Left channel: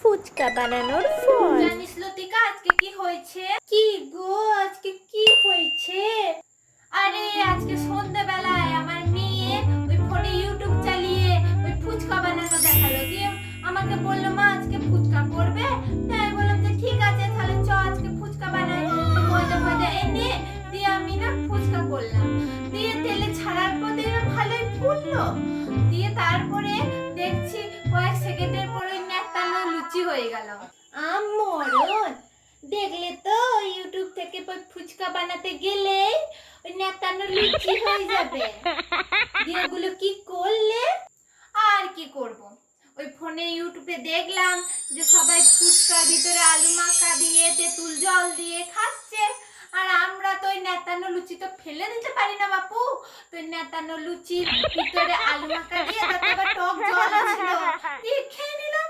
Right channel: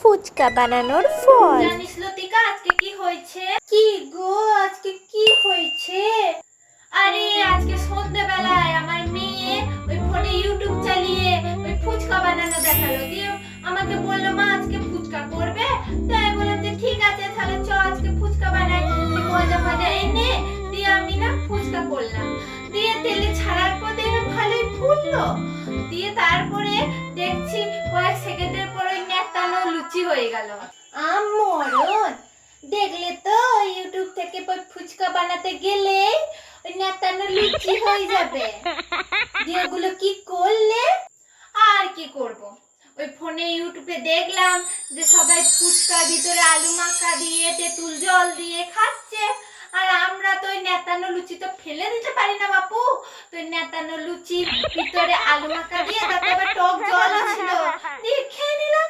ফুচকা বানানোর ফল। জানিস লতিকা আজকে কি হয়েছে? কি গো আজকে কি হয়েছে? আরে আজকে সন্ধ্যাবেলায় আমার মেয়ে ওই ফোনে ইউটিউব চালিয়ে ওই ফুচকা বানানো দেখালো, দিয়ে আমাকে বললো মা আজকে ফুচকা করবে। তাই বললাম যে ঠিক আছে তাহলে চ আজকে ফুচকা বানাই। ময়দা ফয়দা এনে দিয়ে আমি না ফুচকা করলাম, দিয়ে তেলে ছাড়ার পর দেখলাম ভালোই ফুললো, দিয়ে তারপরে দেখছি কয়েক সেকেন্ডের পরে নেতানো লুচি হয়ে গেল। আমরণ দেখলে তো ইউটিউব থেকে ফুচকা বানাতে গেলে ওই নেতানো লুচি হয়ে যাবে। দিয়ে ওগুলো কি করলে? আর কি করব, ওই ফোনে ইউটিউবে দেখলাম যে সবাই ফুচকার ভিতরে আলু মাখা দিয়ে তেঁতুল জল দিয়ে খাচ্ছে, আর আমরা তো ওই নেতানো লুচি তো ফেলে দিতে পারি না বাপু। তো নেতানো লুচির ভিতরে আলু মাখা দিয়ে তাতে আবার টক জল ছিল, দিয়ে খেয়ে নিলাম।